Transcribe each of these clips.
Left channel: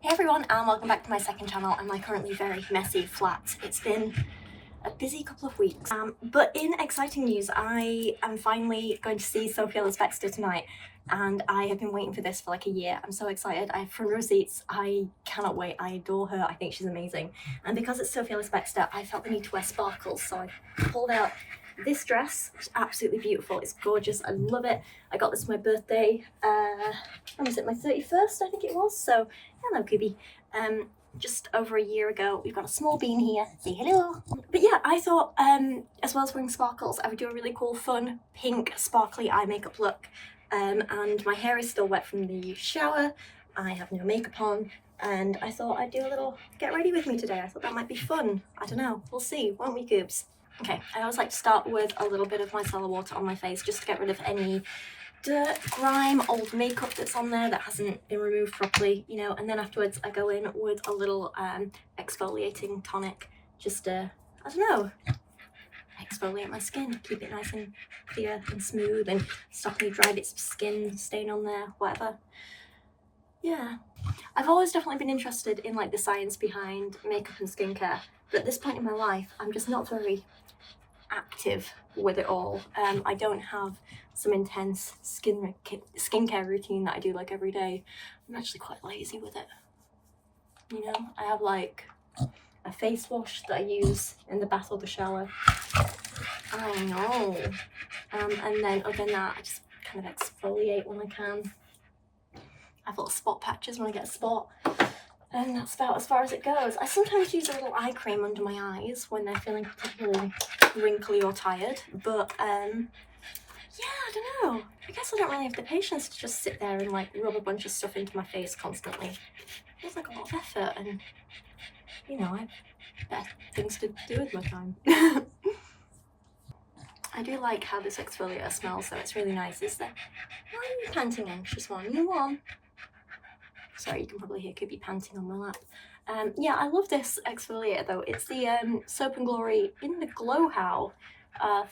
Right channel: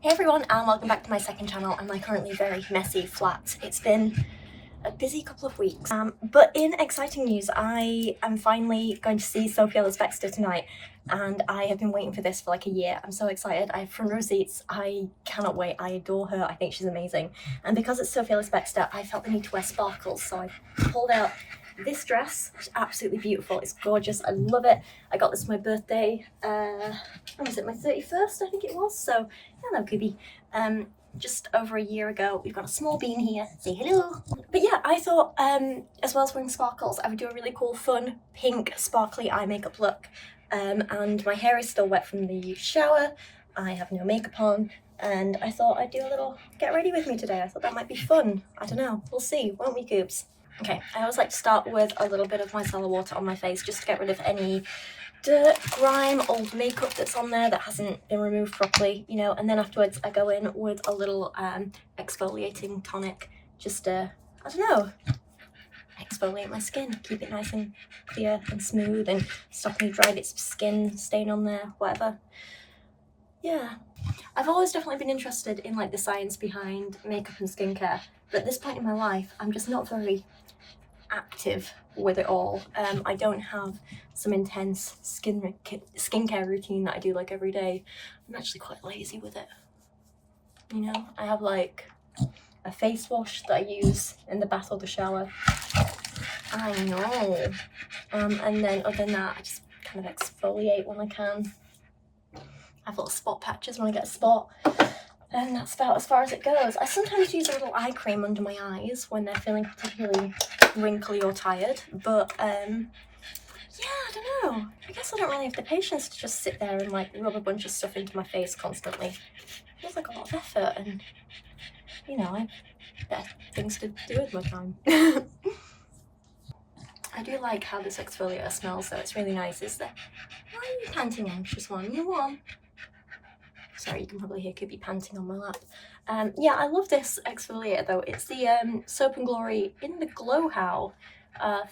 Hey everyone, and welcome back to my second channel and my currently very messy flat. It's been a busy couple of weeks, but in exciting news, I am finally going to see Sophie Ellis-Bextor tonight, and I have been waiting for this for like a year. I'm so excited. I have front row seats. I cannot wait. I adore her. I think she's amazing. And because it's Sophie Ellis-Bextor, I felt the need to wear sparkles, so I pulled out this dress, which is absolutely beautiful. It's gorgeous. I love it. I got this for my birthday. When was it? My 31st, I think it was. So, hello, Kubi. Just over a year ago. We've got a small bean here. Say hello. But yeah, I thought, as well as wearing sparkles, I would do a really cool, fun, pink, sparkly eye makeup look. And my hair is still wet from the shower. I have no makeup on. And I thought I'd do a little get ready with me today. I thought that might be fun. I don't know. We'll see, won't we, Goobs? Okay, I always like to start with a little bit of micellar water on my face just to get rid of any dirt, grime, old makeup that's on there that hasn't been removed properly, you know, and then afterwards I go in with a little exfoliating tonic just to, I don't know, exfoliate my skin, keep it nice and clear and smooth and stop any dry bits of skin stain on there, whatever. Yeah, I've always definitely been interested in like the science behind makeup and skincare, but at this point in my life I'm just not very active with it all. I don't have some intense skincare routine that I do like every day. I'm actually quite lazy with it, you know. I have like a face wash that I use in the bath or the shower. I know. And then other than that, I just kind of exfoliate when I can. I have little spot patches when I get a spot. And that's about as far as it goes. I sometimes use a little eye cream under my eyes when they're feeling particularly wrinkly or tired, but yeah, I don't know. I guess I don't really have the patience to just sit there and like rub a bunch of stuff into my face constantly. It feels like a lot of effort, and you know, I have better things to do with my time. I do like how this exfoliator smells though. It's really nice. Is there? Why are you panting, anxious one? You on? Sorry, you can probably hear Kubi panting on my lap. Yeah, I love this exfoliator though. It's the Soap & Glory in the Glow How 5%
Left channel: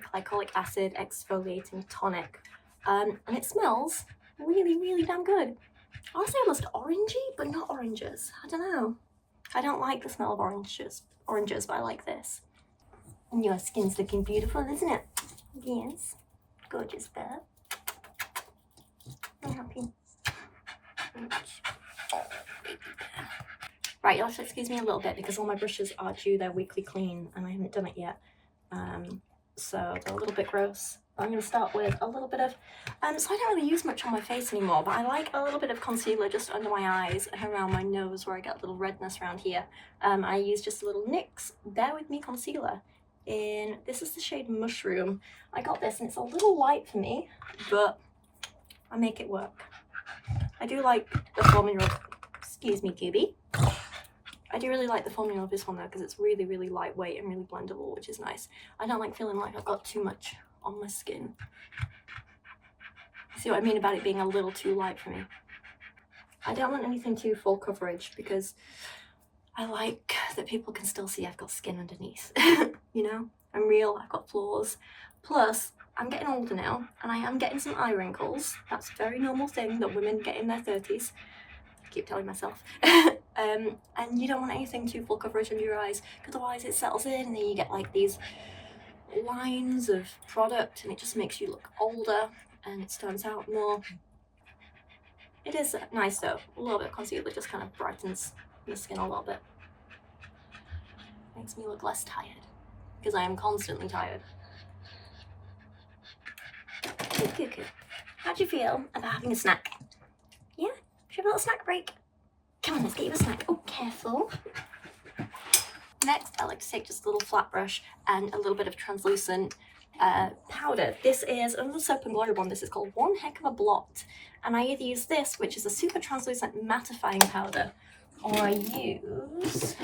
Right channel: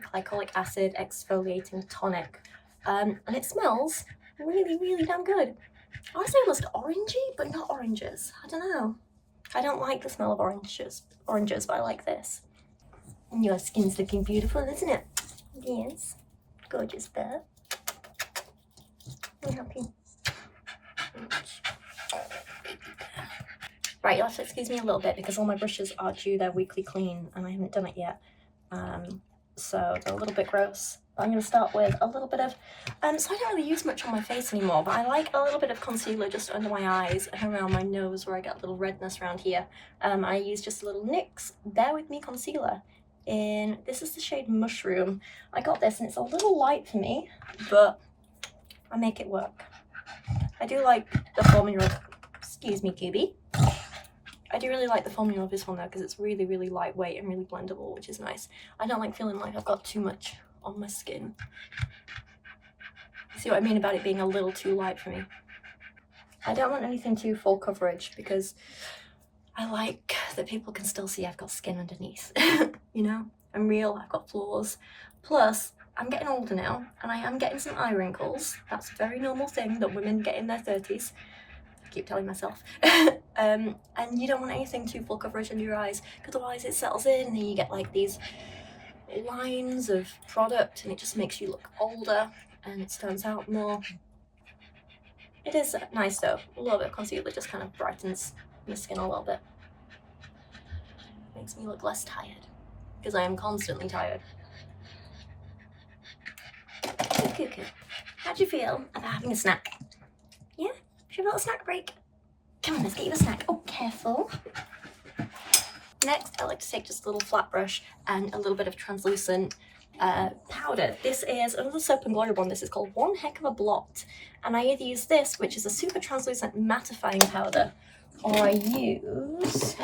glycolic acid exfoliating tonic. And it smells really, really damn good. I want to say almost orangey, but not oranges. I don't know. I don't like the smell of oranges, but I like this. And your skin's looking beautiful, isn't it? Yes. Gorgeous bird. I'm happy. Right, you'll have to excuse me a little bit because all my brushes are due their weekly clean and I haven't done it yet. So they're a little bit gross. I'm going to start with a little bit of, so I don't really use much on my face anymore, but I like a little bit of concealer just under my eyes and around my nose where I get a little redness around here. I use just a little NYX Bear With Me concealer this is the shade Mushroom. I got this and it's a little light for me, but I make it work. I do like the formula, excuse me, Kubi. I do really like the formula of this one though because it's really, really lightweight and really blendable, which is nice. I don't like feeling like I've got too much on my skin. See what I mean about it being a little too light for me? I don't want anything too full coverage because I like that people can still see I've got skin underneath. You know, I'm real, I've got flaws. Plus, I'm getting older now and I am getting some eye wrinkles. That's a very normal thing that women get in their 30s. I keep telling myself. And you don't want anything too full coverage under your eyes because otherwise it settles in and then you get like these lines of product and it just makes you look older and it stands out more. It is nice though. A little bit of concealer just kind of brightens the skin a little bit. Makes me look less tired because I am constantly tired. Cuckoo. How do you feel about having a snack? Yeah? Should we have a little snack break? Come on, let's get you a snack. Oh, careful. Next, I like to take just a little flat brush and a little bit of translucent powder. This is another Soap & Glory one. This is called One Heck of a Blot. And I either use this, which is a super translucent mattifying powder, or I use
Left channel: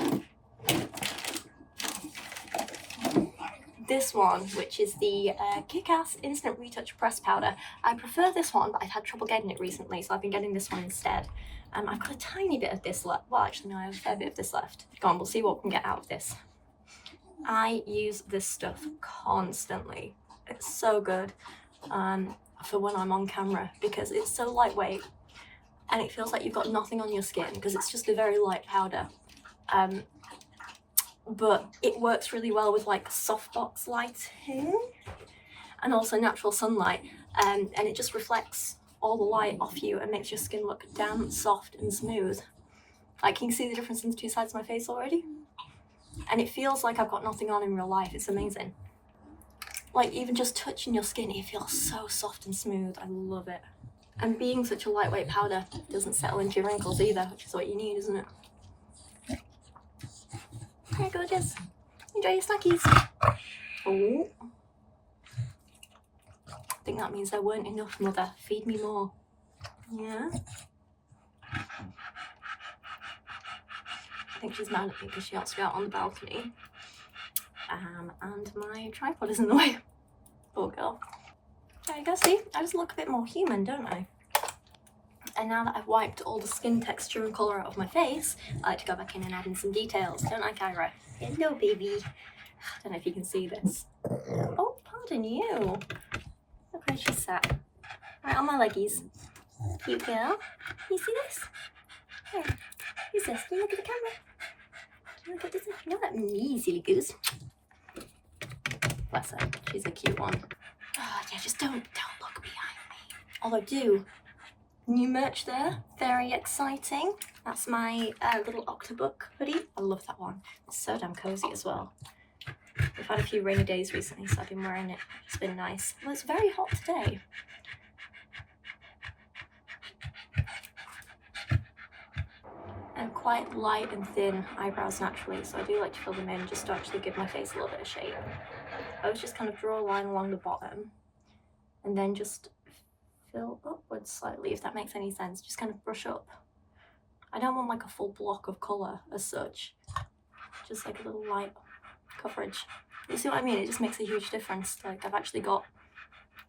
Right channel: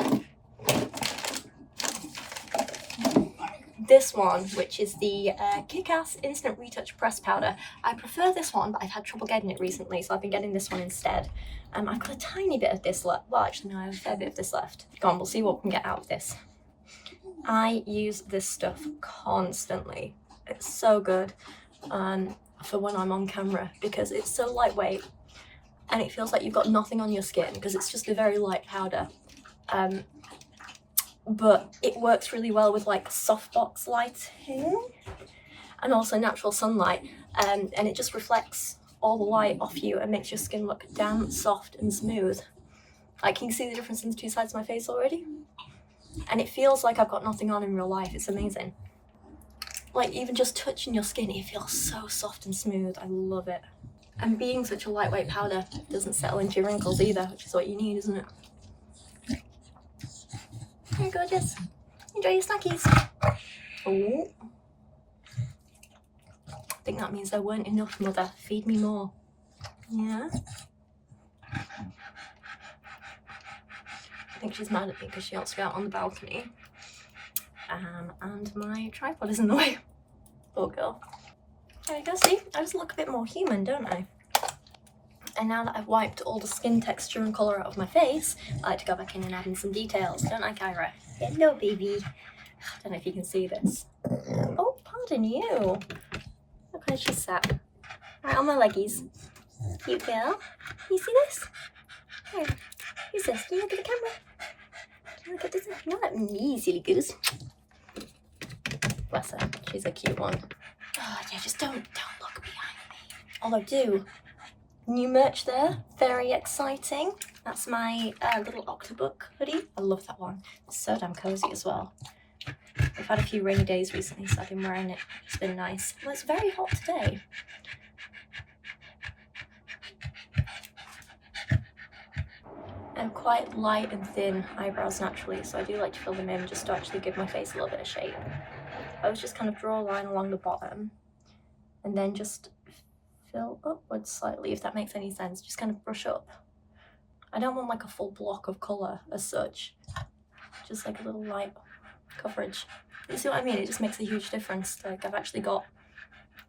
this one, which is the Kick-Ass Instant Retouch Press Powder. I prefer this one, but I've had trouble getting it recently, so I've been getting this one instead. I've got a tiny bit of this left. Well, actually, no, I have a fair bit of this left. Go on, we'll see what we can get out of this. I use this stuff constantly. It's so good for when I'm on camera because it's so lightweight. and it feels like you've got nothing on your skin because it's just a very light powder. But it works really well with like softbox lighting and also natural sunlight, and it just reflects all the light off you and makes your skin look damp, soft and smooth. Like, can you see the difference in the two sides of my face already? And it feels like I've got nothing on in real life. It's amazing. Like, even just touching your skin, it feels so soft and smooth. I love it. And being such a lightweight powder doesn't settle into your wrinkles either, which is what you need, isn't it? Hey, gorgeous. Enjoy your snackies. Oh. I think that means there weren't enough, Mother. Feed me more. Yeah? I think she's mad at me because she wants to go out on the balcony. And my tripod is in the way. Poor girl. There you go, see? I just look a bit more human, don't I? And now that I've wiped all the skin texture and colour out of my face, I like to go back in and add in some details, don't I, Kyra? Hello, baby. I don't know if you can see this. Oh, pardon you. Look where she sat. Right on my leggies. Cute girl. You see this? Hey, who's this? Can you look at the camera? Can you look at this? Not at me, silly goose. Bless her. She's a cute one. Oh, yeah, just don't look behind me. Although do. New merch there, very exciting. That's my little Octobook hoodie. I love that one. It's so damn cozy as well. I've had a few rainy days recently, so I've been wearing it. It's been nice. Well, it's very hot today. I have quite light and thin eyebrows naturally, so I do like to fill them in just to actually give my face a little bit of shape. I always just kind of draw a line along the bottom and then just fill upwards slightly, if that makes any sense. Just kind of brush up. I don't want like a full block of colour as such, just like a little light coverage. You see what I mean? It just makes a huge difference. Like, I've actually got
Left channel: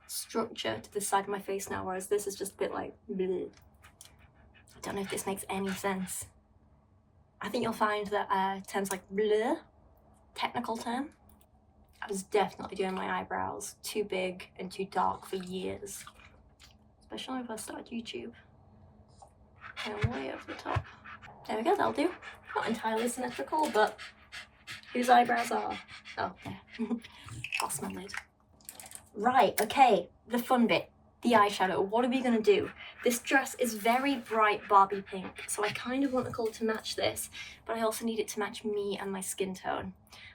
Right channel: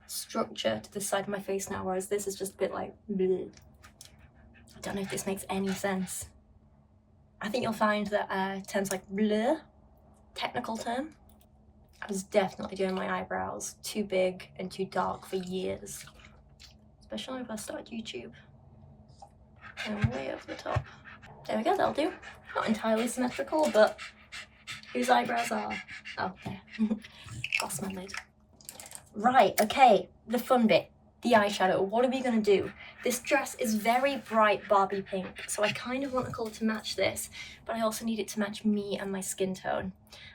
structure to this side of my face now, whereas this is just a bit like bleh. I don't know if this makes any sense. I think you'll find that terms like blur, technical term. I was definitely doing my eyebrows too big and too dark for years. Especially when I first started YouTube. And way over the top. There we go, that'll do. Not entirely symmetrical, but whose eyebrows are? Oh, there. Lost my lid. Right, okay, the fun bit. The eyeshadow. What are we gonna do? This dress is very bright Barbie pink, so I kind of want the colour to match this, but I also need it to match me and my skin tone.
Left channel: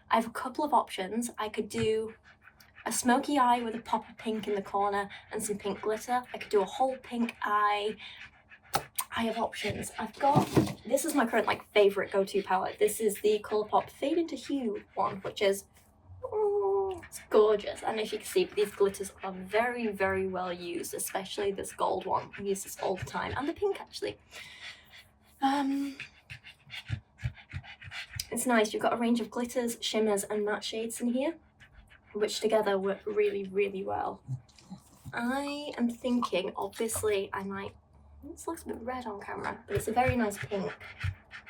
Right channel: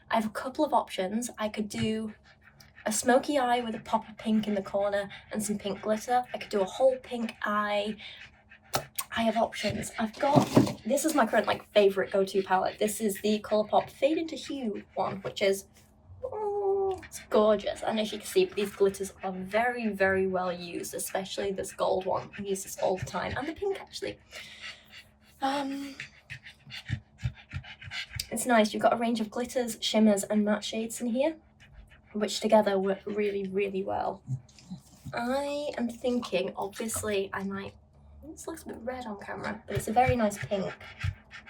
I have a couple of options. I could do a smoky eye with a pop of pink in the corner and some pink glitter. I could do a whole pink eye. I have options. I've got, this is my current like favourite go-to palette. This is the Colourpop Fade into Hue one, which is, oh, it's gorgeous. I don't know if you can see, but these glitters are very, very well used, especially this gold one. I use this all the time, and the pink actually. It's nice. You've got a range of glitters, shimmers, and matte shades in here, which together work really, really well. I am thinking, obviously, I might, this looks a bit red on camera, but it's a very nice pink.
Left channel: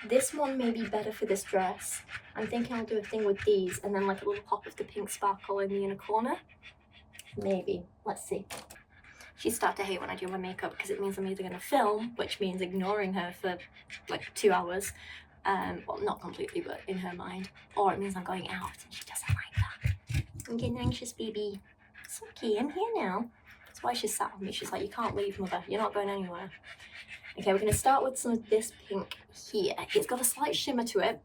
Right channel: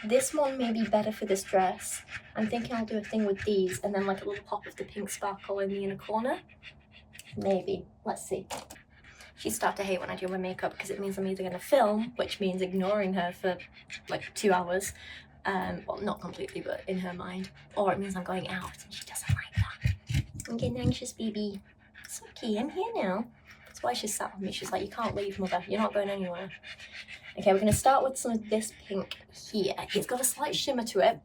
This one may be better for this dress. I'm thinking I'll do a thing with these and then like a little pop of the pink sparkle in the inner corner. Maybe. Let's see. She'd start to hate when I do my makeup because it means I'm either going to film, which means ignoring her for like 2 hours. Well, not completely, but in her mind. Or it means I'm going out and she doesn't like that. I'm getting anxious, baby. It's okay, I'm here now. That's why she sat with me. She's like, you can't leave, Mother. You're not going anywhere. Okay, we're going to start with some of this pink here. It's got a slight shimmer to it,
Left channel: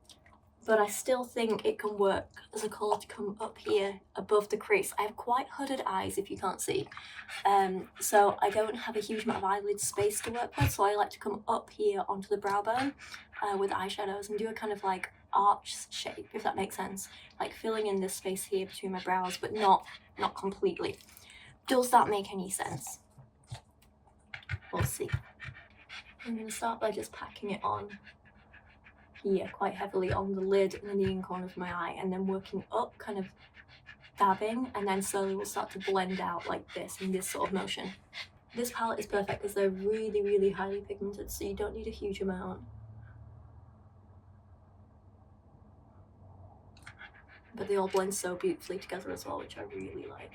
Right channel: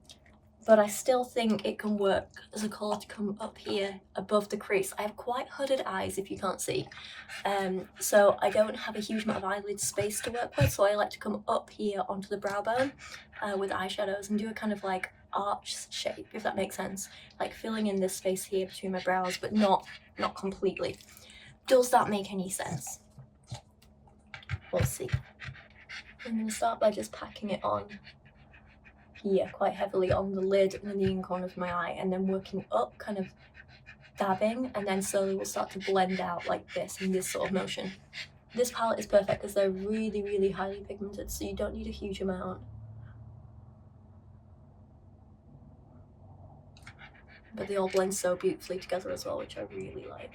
but I still think it can work as a colour to come up here above the crease. I have quite hooded eyes, if you can't see. So I don't have a huge amount of eyelid space to work with, so I like to come up here onto the brow bone with eyeshadows and do a kind of like arch shape, if that makes sense. Like filling in this space here between my brows, but not completely. Does that make any sense? We'll see. I'm going to start by just packing it on here quite heavily on the lid and in the inner corner of my eye, and then working up, kind of dabbing, and then slowly we'll start to blend out like this in this sort of motion. This palette is perfect because they're really, really highly pigmented, so you don't need a huge amount. But they all blend so beautifully together as well, which I really like.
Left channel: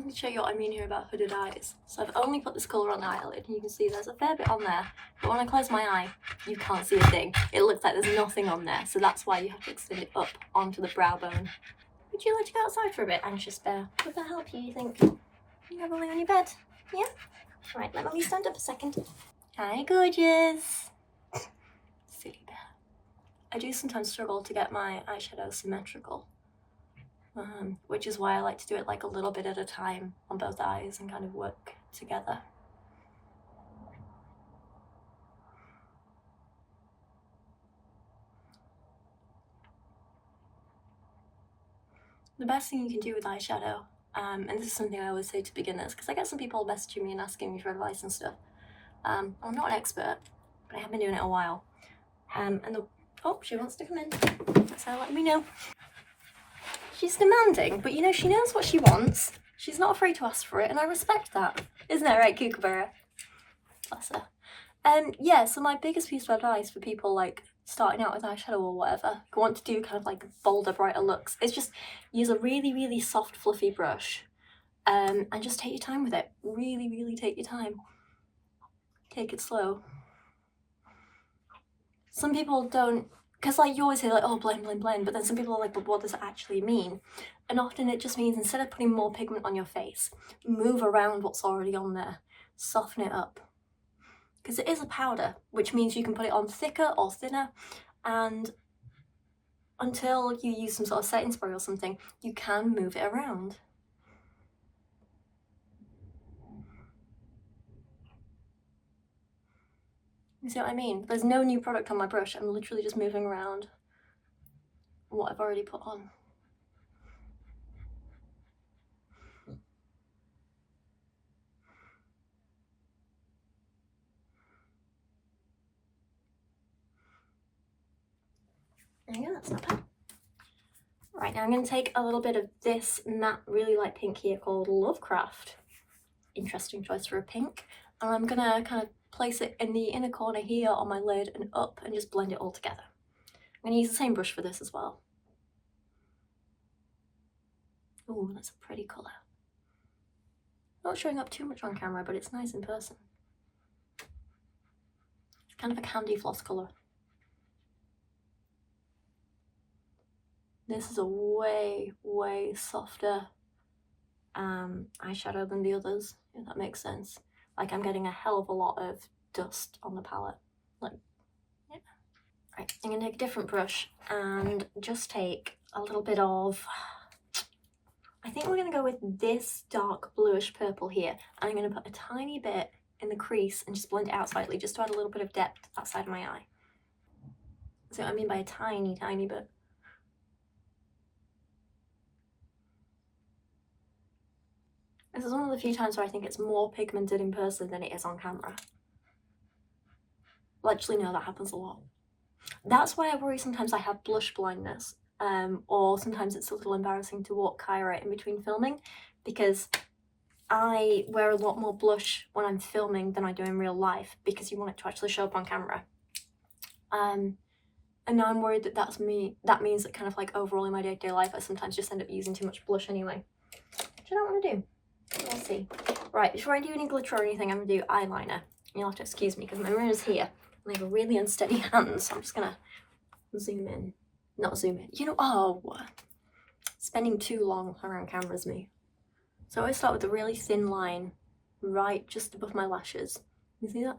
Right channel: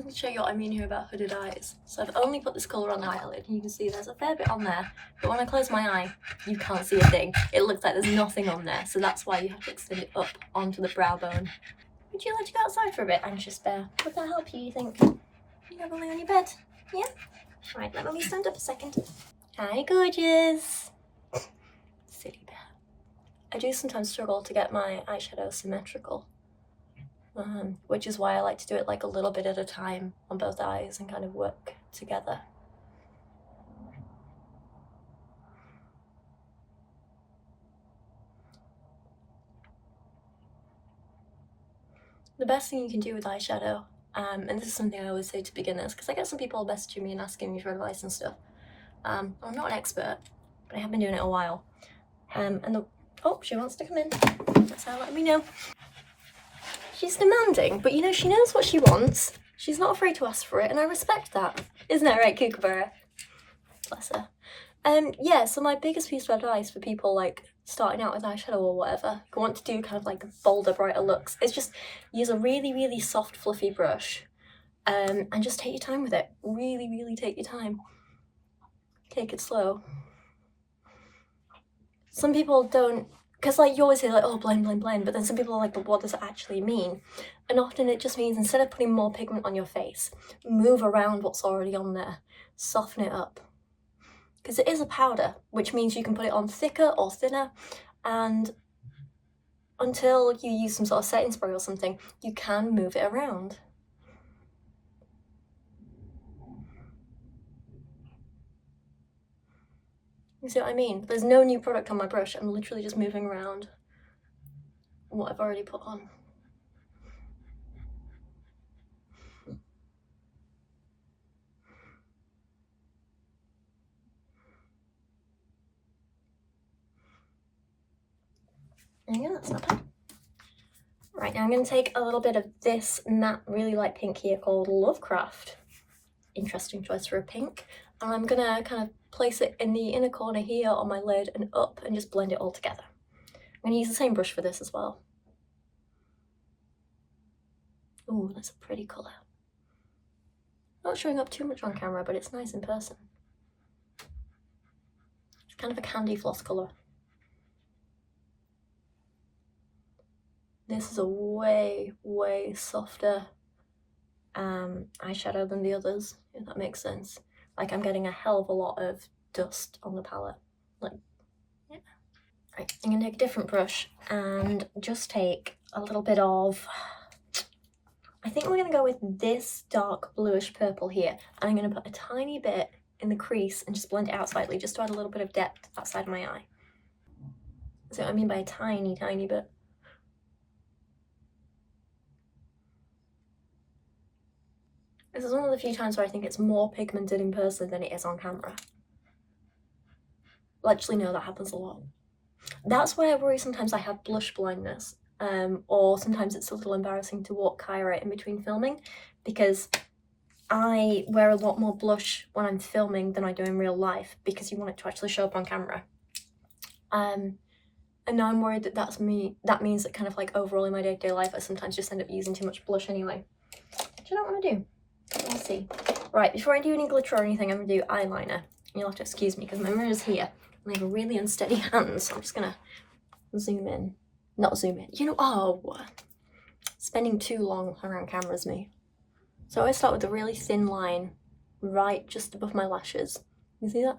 Let me show you what I mean here about hooded eyes. So I've only put this colour on the eyelid, and you can see there's a fair bit on there, but when I close my eye, you can't see a thing. It looks like there's nothing on there, so that's why you have to extend it up onto the brow bone. Would you like to go outside for a bit, anxious bear? Would that help you think? You have a lay on your bed? Yeah? Right, let me stand up a second. Hi, gorgeous. Silly bear. I do sometimes struggle to get my eyeshadow symmetrical. Which is why I like to do it like a little bit at a time on both eyes and kind of work together. The best thing you can do with eyeshadow, and this is something I always say to beginners, because I get some people messaging me and asking me for advice and stuff. I'm not an expert, but I have been doing it a while. Oh, she wants to come in, so let me know. She's demanding, but you know, she knows what she wants. She's not afraid to ask for it, and I respect that. Isn't that right, Kookaburra? Bless her. Yeah, so my biggest piece of advice for people like starting out with eyeshadow or whatever, who want to do kind of like bolder, brighter looks, is just use a really, really soft, fluffy brush, and just take your time with it. Really, really take your time. Take it slow. Some people don't, because like you always say like, oh, blend, blend, blend, but then some people are like, but what does it actually mean? And often it just means instead of putting more pigment on your face, move around what's already on there, soften it up. Because it is a powder, which means you can put it on thicker or thinner, and until you use some sort of setting spray or something, you can move it around. You see what I mean? There's no new product on my brush, I'm literally just moving around what I've already put on. There you go, that's not bad. Right, now I'm going to take a little bit of this matte, really light pink here called Lovecraft. Interesting choice for a pink. And I'm going to kind of place it in the inner corner here on my lid and up and just blend it all together. I'm going to use the same brush for this as well. Ooh, that's a pretty colour. Not showing up too much on camera, but it's nice in person. It's kind of a candy floss colour. This is a way, way softer eyeshadow than the others, if that makes sense. Like I'm getting a hell of a lot of dust on the palette. Like, yeah. Right, I'm gonna take a different brush and just take a little bit of, I think we're gonna go with this dark bluish purple here. And I'm gonna put a tiny bit in the crease and just blend it out slightly, just to add a little bit of depth outside of my eye. So what I mean by a tiny, tiny bit. This is one of the few times where I think it's more pigmented in person than it is on camera. Well, actually, no, that happens a lot. That's why I worry sometimes I have blush blindness, or sometimes it's a little embarrassing to walk Kyra in between filming, because I wear a lot more blush when I'm filming than I do in real life, because you want it to actually show up on camera. And now I'm worried that that means that kind of like overall in my day-to-day life, I sometimes just end up using too much blush anyway, which I don't want to do. Let's see. Right, before I do any glitter or anything, I'm going to do eyeliner. You'll have to excuse me because my mirror's here and I have a really unsteady hand, so I'm just going to zoom in. Not zoom in. You know, oh, spending too long around camera's me. So I always start with a really thin line right just above my lashes. You see that?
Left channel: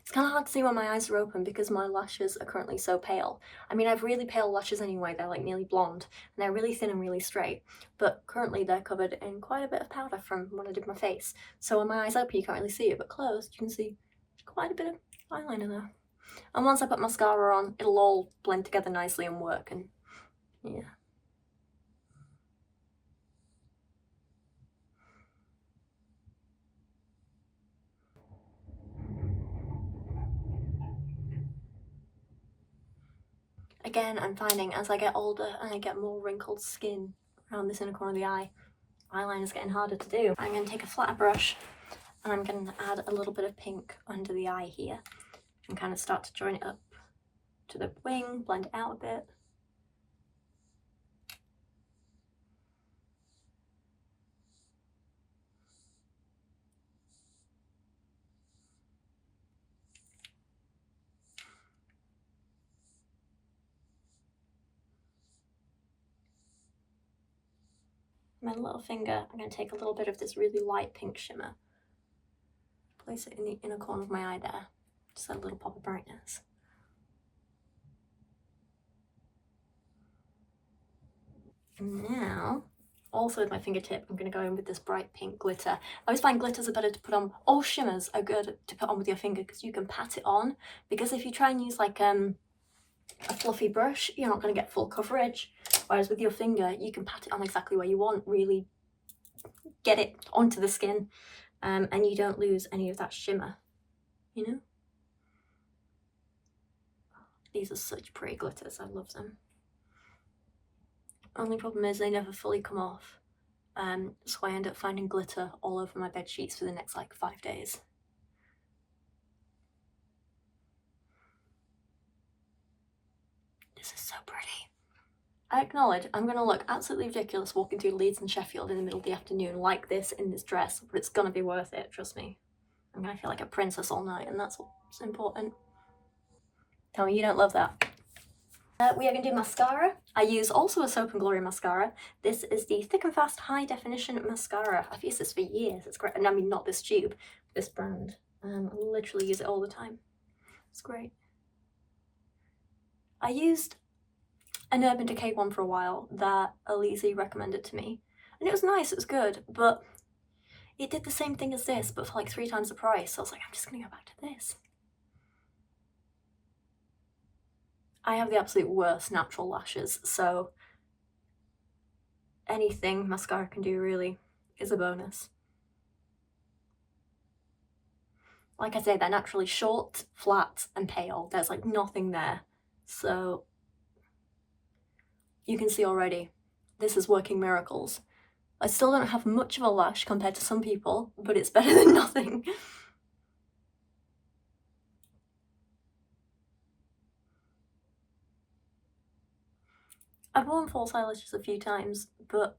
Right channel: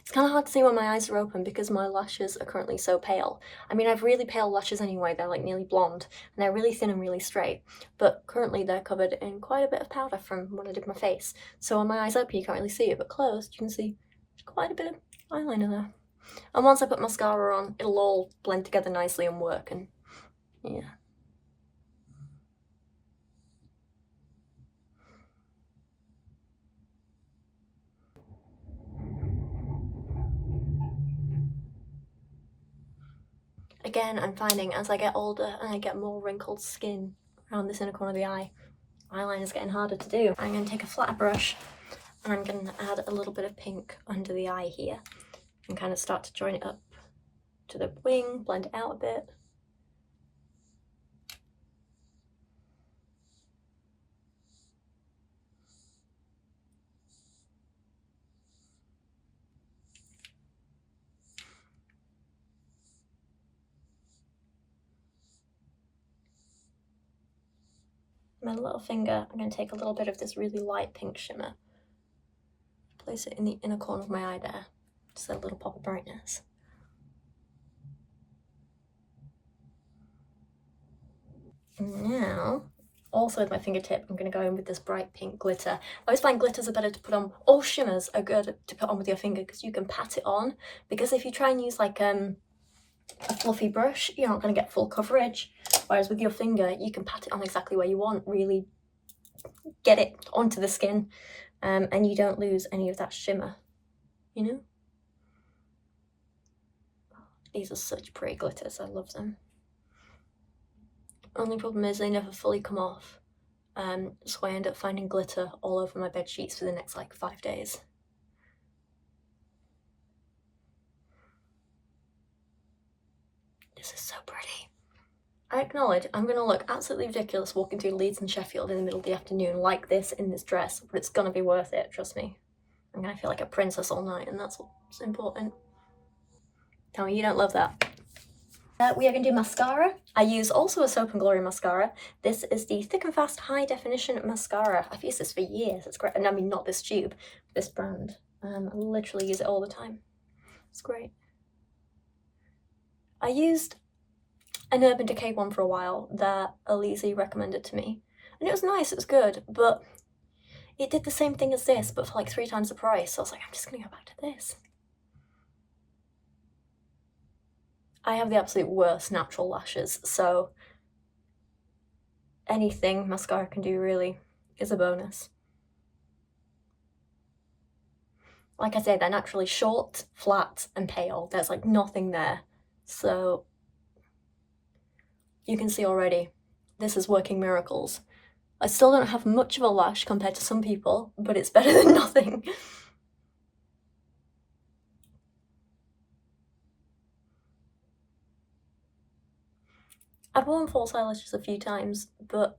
It's kind of hard to see when my eyes are open because my lashes are currently so pale. I mean, I have really pale lashes anyway, they're like nearly blonde, and they're really thin and really straight, but currently they're covered in quite a bit of powder from when I did my face. So when my eyes open, you can't really see it, but closed, you can see quite a bit of eyeliner there. And once I put mascara on, it'll all blend together nicely and work, and yeah. Again, I'm finding as I get older and I get more wrinkled skin around this inner corner of the eye, eyeliner's getting harder to do. I'm going to take a flatter brush and I'm going to add a little bit of pink under the eye here and kind of start to join it up to the wing, blend it out a bit. my little finger, I'm going to take a little bit of this really light pink shimmer, place it in the inner corner of my eye there, just a little pop of brightness. And now, also with my fingertip, I'm going to go in with this bright pink glitter. I always find glitters are better to put on, all shimmers are good to put on with your finger because you can pat it on. Because if you try and use like a fluffy brush, you're not going to get full coverage. Whereas with your finger, you can pat it on exactly where you want, really get it onto the skin, and you don't lose any of that shimmer, you know? These are such pretty glitters, I love them. Only problem is they never fully come off, so I end up finding glitter all over my bed sheets for the next like 5 days. This is so pretty. I acknowledge I'm going to look absolutely ridiculous walking through Leeds and Sheffield in the middle of the afternoon like this in this dress, but it's going to be worth it, trust me. I'm going to feel like a princess all night, and that's what's important. Tell me you don't love that. We are going to do mascara. I use also a Soap & Glory mascara. This is the Thick and Fast High Definition Mascara. I've used this for years. It's great. And I mean, not this tube, this brand. I literally use it all the time. It's great. I used an Urban Decay one for a while that Alize recommended to me. And it was nice, it was good, but it did the same thing as this, but for like 3 times the price. So I was like, I'm just going to go back to this. I have the absolute worst natural lashes, so anything mascara can do really is a bonus. Like I say, they're naturally short, flat, and pale. There's like nothing there. So you can see already, this is working miracles. I still don't have much of a lash compared to some people, but it's better than nothing. I've worn false eyelashes a few times, but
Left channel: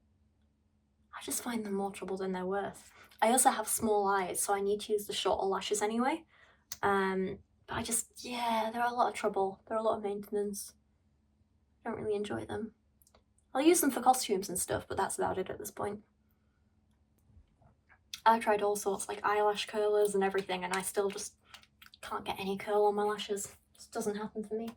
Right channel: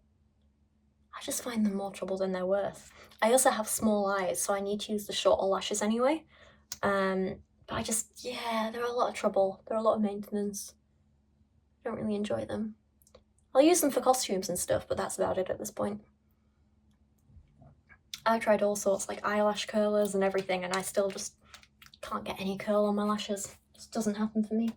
I just find them more trouble than they're worth. I also have small eyes, so I need to use the shorter lashes anyway. But I just, yeah, they're a lot of trouble. They're a lot of maintenance. I don't really enjoy them. I'll use them for costumes and stuff, but that's about it at this point. I've tried all sorts, like eyelash curlers and everything, and I still just can't get any curl on my lashes. It just doesn't happen for me.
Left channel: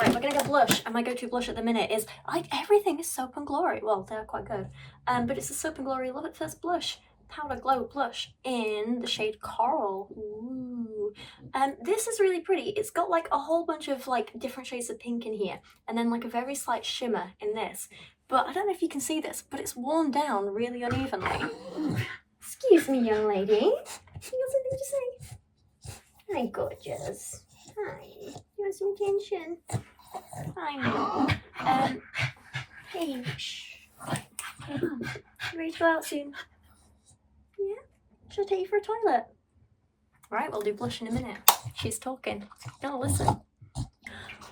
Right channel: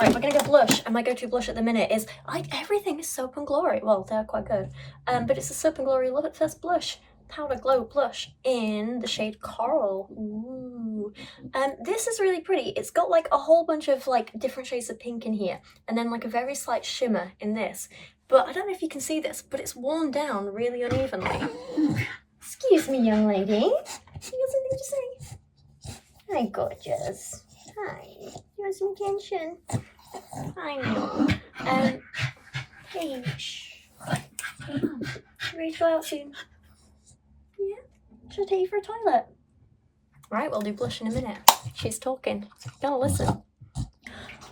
Right, we're gonna go blush, and my go-to blush at the minute is, everything is Soap & Glory. Well, they're quite good. But it's a Soap & Glory Love It First blush, Powder Glow blush in the shade Coral. Ooh. This is really pretty. It's got like a whole bunch of like different shades of pink in here, and then like a very slight shimmer in this. But I don't know if you can see this, but it's worn down really unevenly. Excuse me, young lady. You got something to say? Hi, gorgeous. Hi. You want some attention? I know. Hey, shh. You ready to go out soon? Yeah? Should I take you for a toilet? Right, we'll do blush in a minute. She's talking. Gotta listen.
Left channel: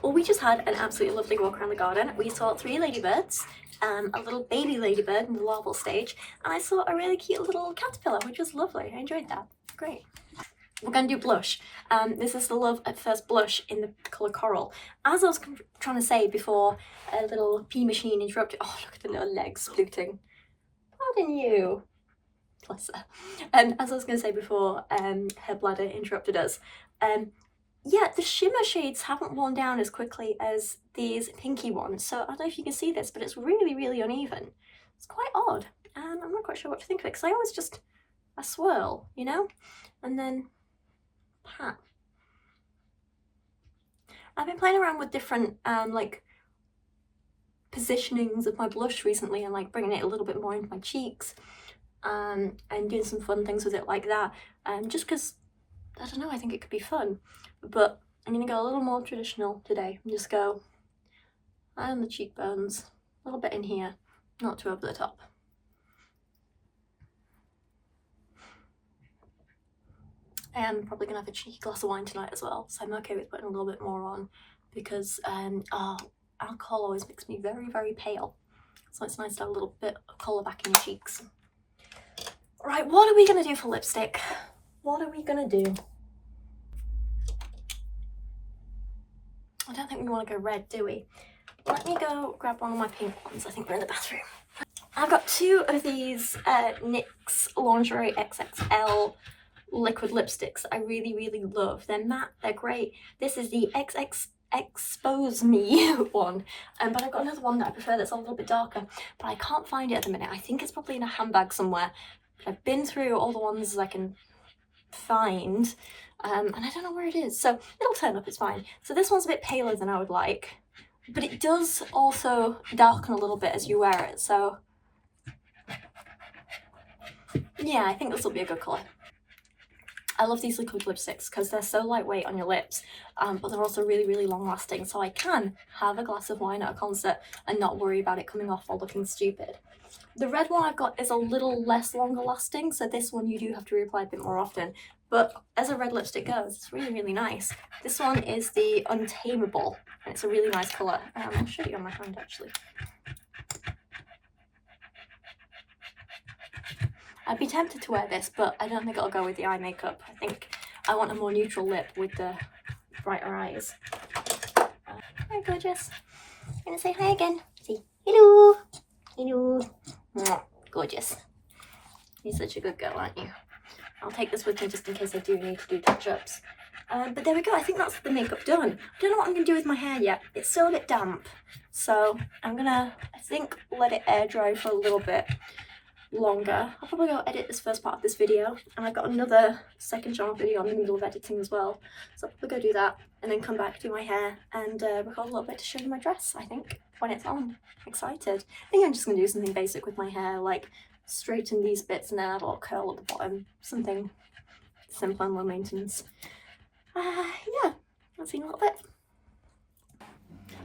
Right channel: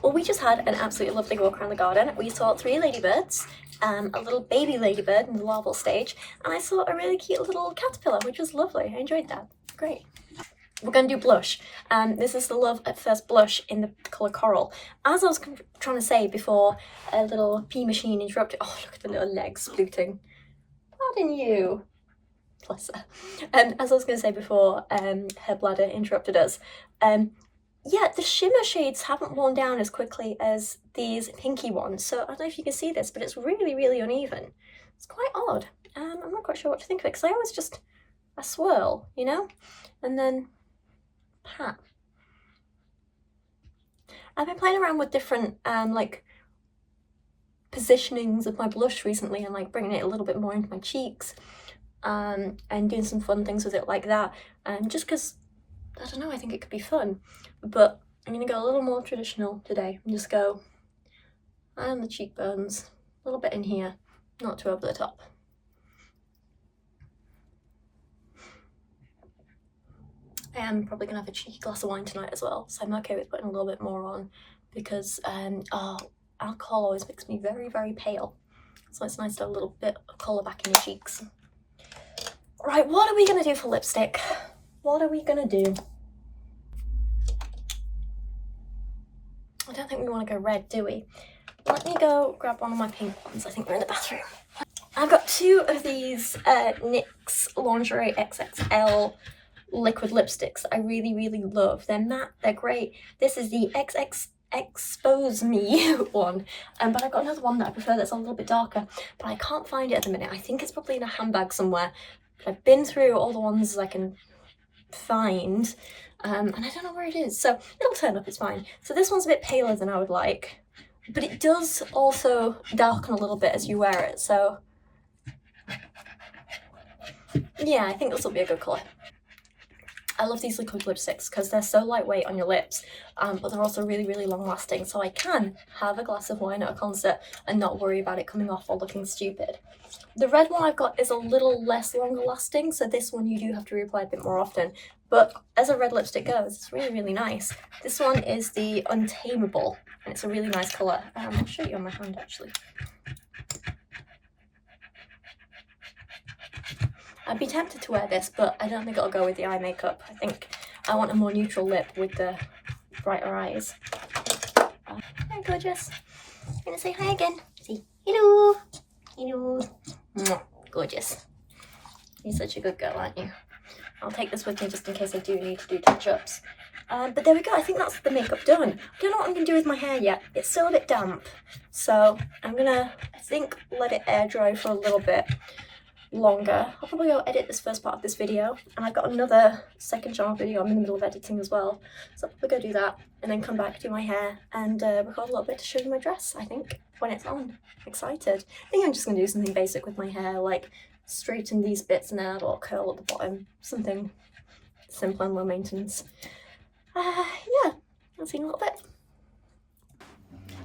Well, we just had an absolutely lovely walk around the garden. We saw 3 ladybirds, a little baby ladybird in the larval stage, and I saw a really cute little caterpillar, which was lovely. I enjoyed that. Great. We're going to do blush. This is the Love at First blush in the colour Coral. As I was trying to say before a little pee machine interrupted... Oh, look at the little legs fluting. Pardon you. Bless her. As I was going to say before her bladder interrupted us, yeah, the shimmer shades haven't worn down as quickly as these pinky ones. So I don't know if you can see this, but it's really, really uneven. It's quite odd. I'm not quite sure what to think of it, because I always just a swirl, you know? And then pat. I've been playing around with different like positionings of my blush recently, and like bringing it a little bit more into my cheeks, and doing some fun things with it like that, just because, I don't know, I think it could be fun. But I'm going to go a little more traditional today and just go on the cheekbones, a little bit in here, not too over the top. I am probably going to have a cheeky glass of wine tonight as well, so I'm okay with putting a little bit more on, because alcohol always makes me very, very pale. So it's nice to have a little bit of colour back in your cheeks. Right, what are we going to do for lipstick? What are we going to do? I don't think we want to go red, do we? Let me go grab one of my pink ones. I think they're in the bathroom. I've got 2 of these NYX Lingerie XXL liquid lipsticks I really, really love. They're matte, they're great. This is the XX Expose Me one, but I've got another one that I prefer that's a little bit darker, but I can't find it at the minute. I think it's probably in a handbag somewhere. But I've been through all the ones I can find, and I don't know where it is, so it'll turn up, it's fine. So this one's a bit paler than I would like, but it does also darken a little bit as you wear it, so yeah, I think this will be a good colour. I love these liquid lipsticks because they're so lightweight on your lips, but they're also really, really long lasting, so I can have a glass of wine at a concert and not worry about it coming off or looking stupid. The red one I've got is a little less longer lasting, so this one you do have to reapply a bit more often, but as a red lipstick goes, it's really, really nice. This one is the Untamable, and it's a really nice colour. I'll show you on my hand actually. I'd be tempted to wear this, but I don't think it'll go with the eye makeup. I think I want a more neutral lip with the brighter eyes. Hi, gorgeous. I'm gonna say hi again. Say hello. Hello. Mwah. Gorgeous. You're such a good girl, aren't you? I'll take this with me just in case I do need to do touch-ups. But there we go. I think that's the makeup done. I don't know what I'm gonna do with my hair yet. It's still a bit damp, so I'm gonna, I think, let it air dry for a little bit longer. I'll probably go edit this first part of this video, and I've got another second channel video I'm in the middle of editing as well, so I'll probably go do that and then come back, do my hair, and record a little bit to show you my dress, I think, when it's on. I'm excited. I think I'm just going to do something basic with my hair, like straighten these bits and then add a little curl at the bottom, something simple and low maintenance. Yeah, I'll see you in a little bit.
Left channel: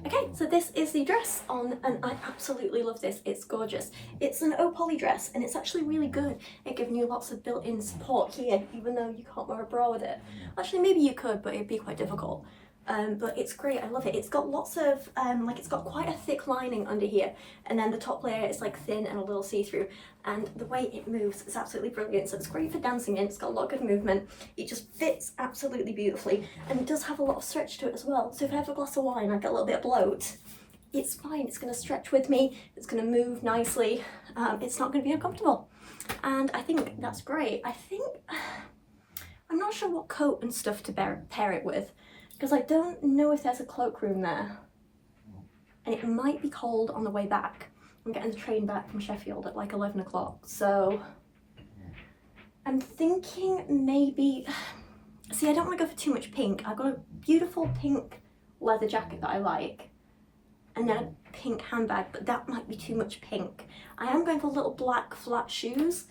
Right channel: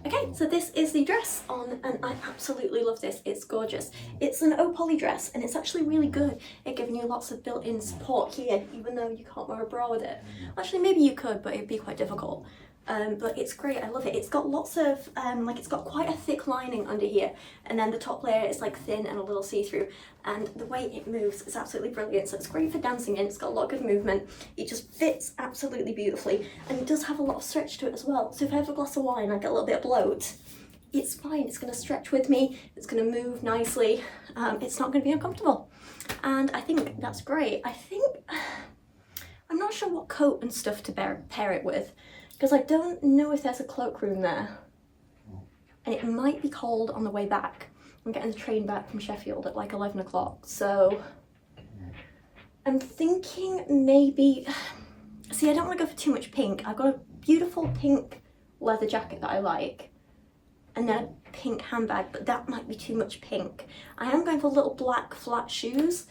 Okay, so this is the dress on, and I absolutely love this. It's gorgeous. It's an Oates dress, and it's actually really good at giving you lots of built-in support here, even though you can't wear a bra with it. Actually, maybe you could, but it'd be quite difficult. But it's great, I love it. It's got lots of, like it's got quite a thick lining under here, and then the top layer is like thin and a little see-through, and the way it moves is absolutely brilliant. So it's great for dancing in, it's got a lot of good movement, it just fits absolutely beautifully, and it does have a lot of stretch to it as well. So if I have a glass of wine, I get a little bit of bloat, it's fine, it's going to stretch with me, it's going to move nicely, it's not going to be uncomfortable, and I think that's great. I think, I'm not sure what coat and stuff to pair it with, because I don't know if there's a cloakroom there, and it might be cold on the way back. I'm getting the train back from Sheffield at like 11 o'clock, so I'm thinking maybe, see, I don't want to go for too much pink. I've got a beautiful pink leather jacket that I like, and then a pink handbag, but that might be too much pink. I am going for little black flat shoes,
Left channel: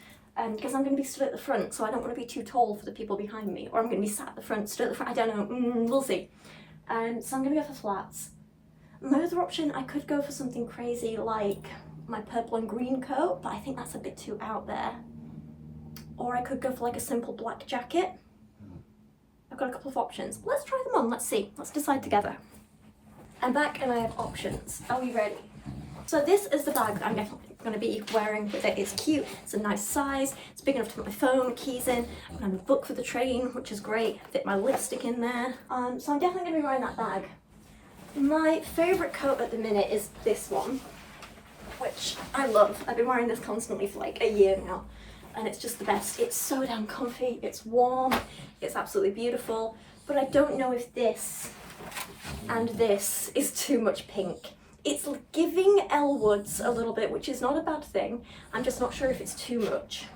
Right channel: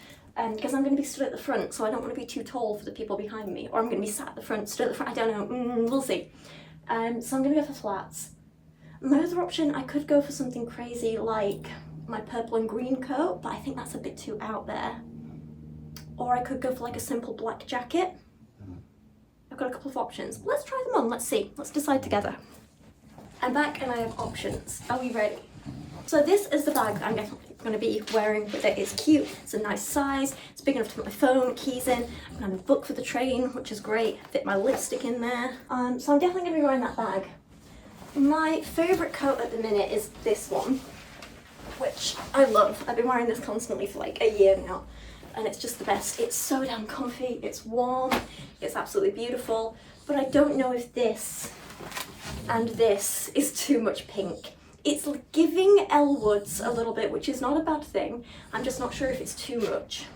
because I'm going to be stood at the front, so I don't want to be too tall for the people behind me, or I'm going to be sat at the front, stood at the front, I don't know, we'll see. So I'm going to go for flats. My other option, I could go for something crazy like my purple and green coat, but I think that's a bit too out there. Or I could go for like a simple black jacket. I've got a couple of options. Let's try them on, let's see, let's decide together. I'm back and I have options. Are we ready? So this is the bag that I'm definitely going to be wearing with it. It's cute, it's a nice size, it's big enough to put my phone, keys in, and I have a book for the train, which is great, fit my lipstick in there. So I'm definitely going to be wearing that bag. My favourite coat at the minute is this one, which I love. I've been wearing this constantly for like a year now, and it's just the best. It's so damn comfy, it's warm, it's absolutely beautiful, but I don't know if this and this is too much pink. It's giving Elle Woods a little bit, which is not a bad thing. I'm just not sure if it's too much.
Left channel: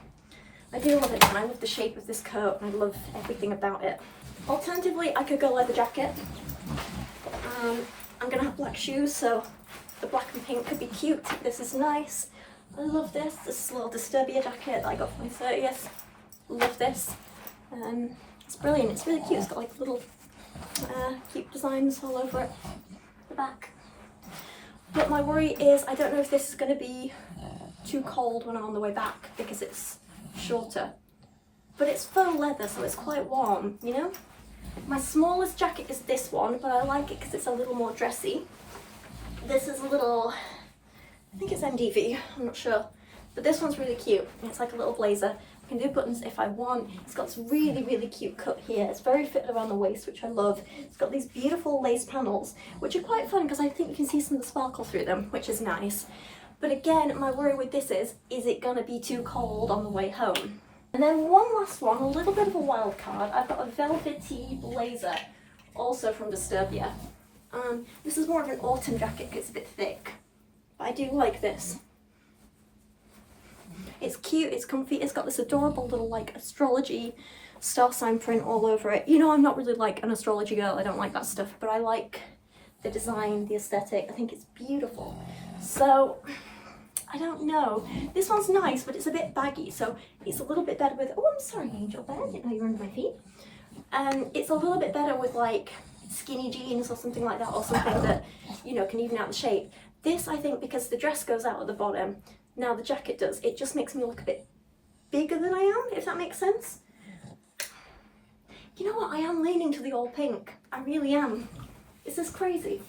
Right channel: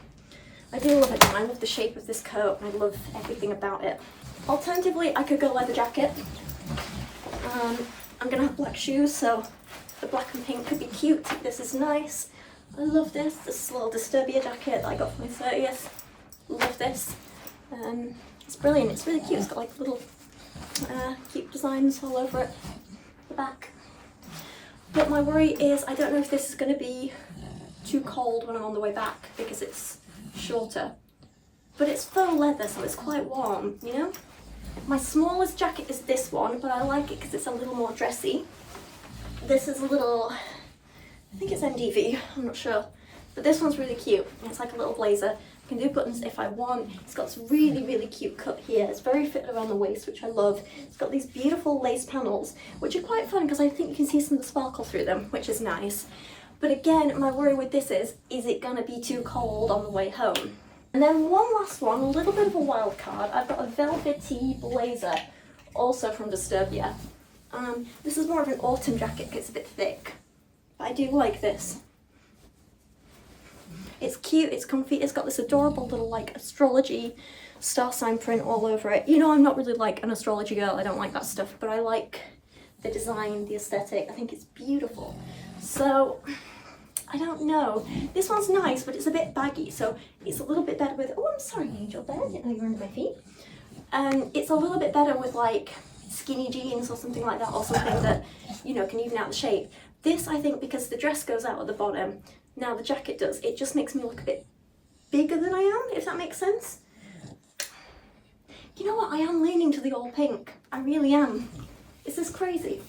I do love it, and I love the shape of this coat, and I love everything about it. Alternatively, I could go leather jacket. I'm gonna have black shoes, so the black and pink could be cute. This is nice. I love this. This is a little Disturbia jacket that I got for my 30th. Love this. It's brilliant. It's really cute. It's got like little cute designs all over it. The back. But my worry is I don't know if this is going to be too cold when I'm on the way back because it's shorter. But it's faux leather, so it's quite warm, you know? My smallest jacket is this one, but I like it because it's a little more dressy. This is a little, I think it's MDV, I'm not sure. But this one's really cute. It's like a little blazer, I can do buttons if I want. It's got this really, really cute cut here. It's very fitted around the waist, which I love. It's got these beautiful lace panels, which are quite fun because I think you can see some of the sparkle through them, which is nice. But again, my worry with this is it gonna be too cold on the way home? And then one last one, a little bit of a wild card. I've got a velvety blazer, also from Disturbia. This is more of an autumn jacket because it's a bit thick, but I do like this. It's cute, it's comfy, it's got this adorable little like astrology star sign print all over it. You know, I'm not really like an astrology girl, I don't like that stuff, but I like the design, the aesthetic, I think it's beautiful. So, I don't know. This one's nice, but it's a bit baggy, so it's a little bit better with, oh, I'm sorry, Angel Bear, I didn't know you were under my feet. It's a little bit better with like skinny jeans or something like that, or something that, you know, can even out the shape. This, I think, because the dress goes out at the bottom, now the jacket does, it just makes me look a bit bigger than I am, if that makes sense. You know what, I am leaning to the all pink. I really am. Is this crazy?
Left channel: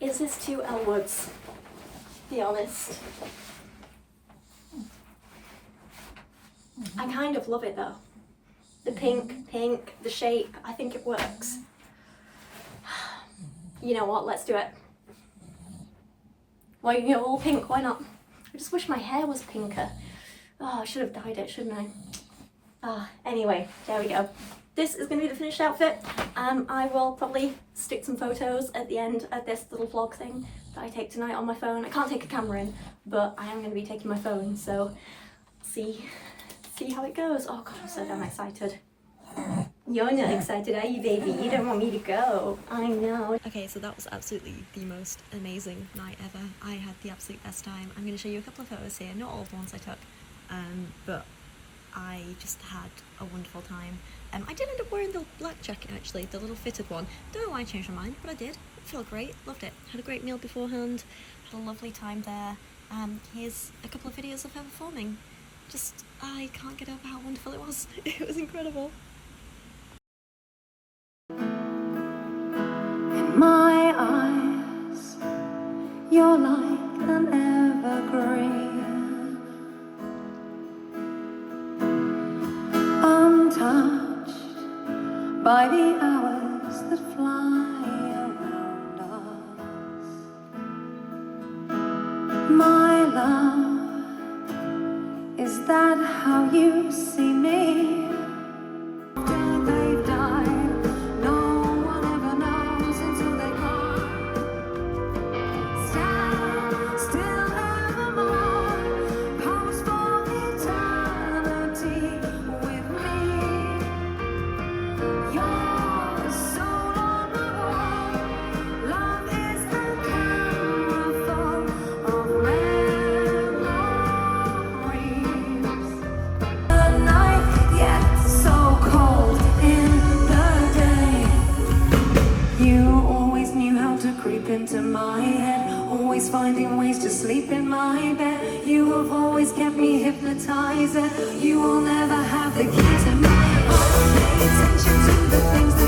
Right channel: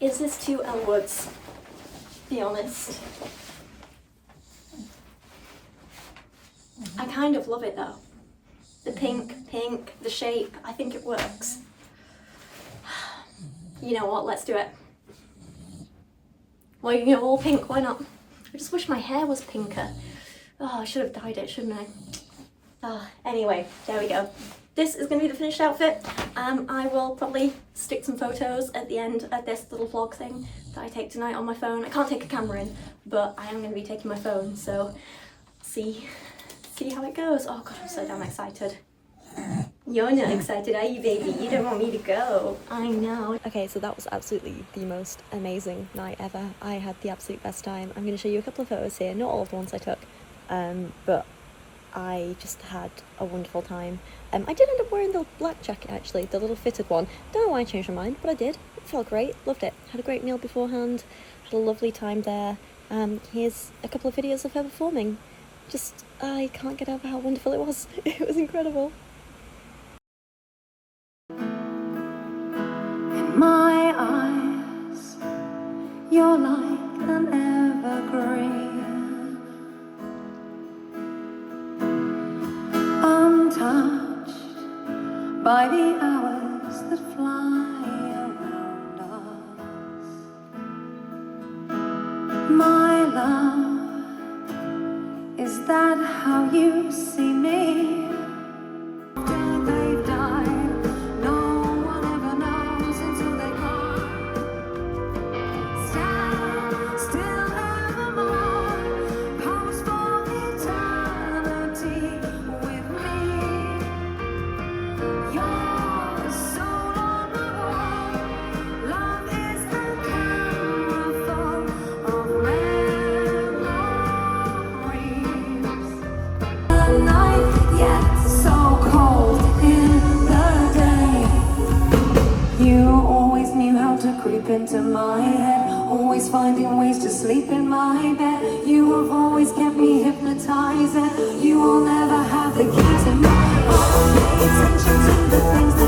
Is this too Elle Woods? Be honest. I kind of love it though. The pink, the shape, I think it works. You know what, let's do it. Well, you know, all pink, why not? I just wish my hair was pinker. Oh, I should have dyed it, shouldn't I? Anyway, there we go. This is going to be the finished outfit. I will probably stick some photos at the end of this little vlog thing that I take tonight on my phone. I can't take a camera in, but I am going to be taking my phone, so see how it goes. Oh god, I'm so damn excited. You're not excited, are you, baby? You don't want me to go. I know. Okay, so that was absolutely the most amazing night ever. I had the absolute best time. I'm going to show you a couple of photos here, not all of the ones I took, but I just had a wonderful time. I did end up wearing the black jacket actually, the little fitted one. Don't know why I changed my mind, but I did. It felt great, loved it. Had a great meal beforehand, had a lovely time there. Here's a couple of videos of her performing. Just, I can't get over how wonderful it was. It was incredible. In my eyes, you're like an evergreen, untouched by the hours that fly around us. My love, is that how you see me? They've died, no one ever knows until they can't. Stand still evermore, pose for eternity with me. You're the soul on the wall. Love is a camera full of memories. The night, yet so cold in the day. You always knew how to creep into my head, always finding ways to sleep in my bed. You have always kept me hypnotized, and you will never have the key to my heart. Pay attention to the things that